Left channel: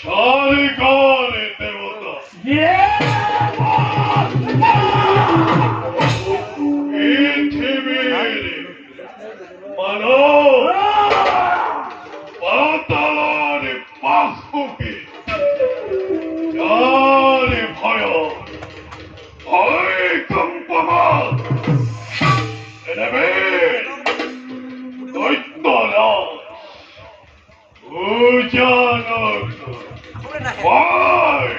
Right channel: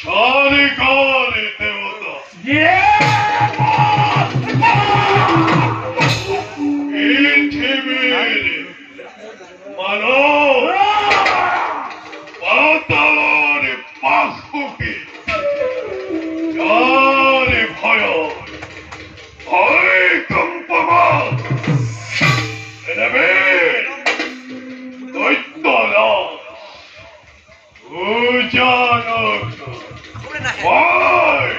সারিকারে দেবতা পৃথিবীর মানব পাতালের পাখুকে যারে ভয় ভয় কম্পমান নেবে দৈত্যরাজ উজানক ভয়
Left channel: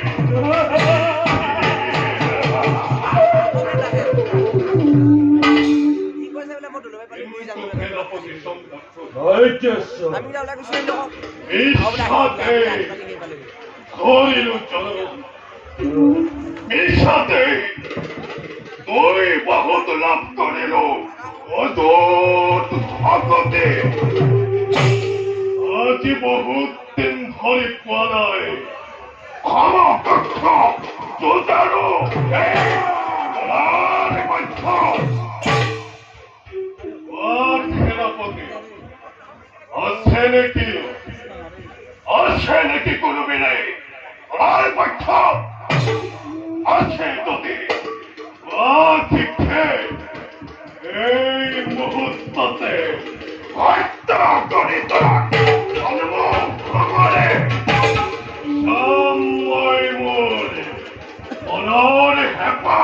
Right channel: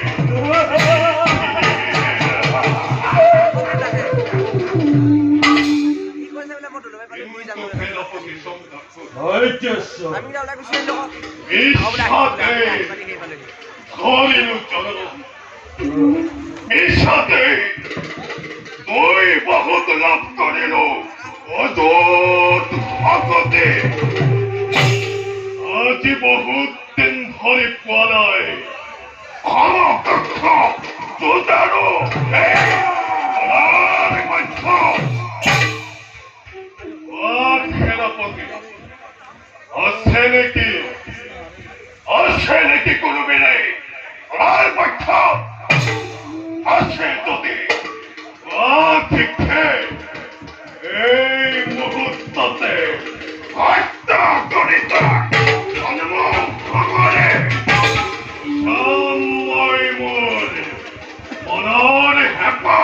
তুই বহুত লাভ করিল অদূত ভগতে আজি বহুত দিন ধরে পালায় ক্ষমকক্ষ তোদারো সেনাপতি আছে নাকি কোনো বেড়ে আর পক্ষ আছে যদি ঠিকছে এই মুহূর্ততে হত্যা করিত ভগবানে সময় মোর মনের হেপা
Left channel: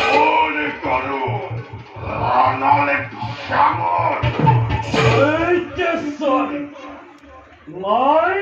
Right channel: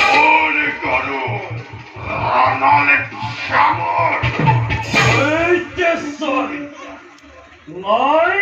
মনে করো নলে শ্যামর নাই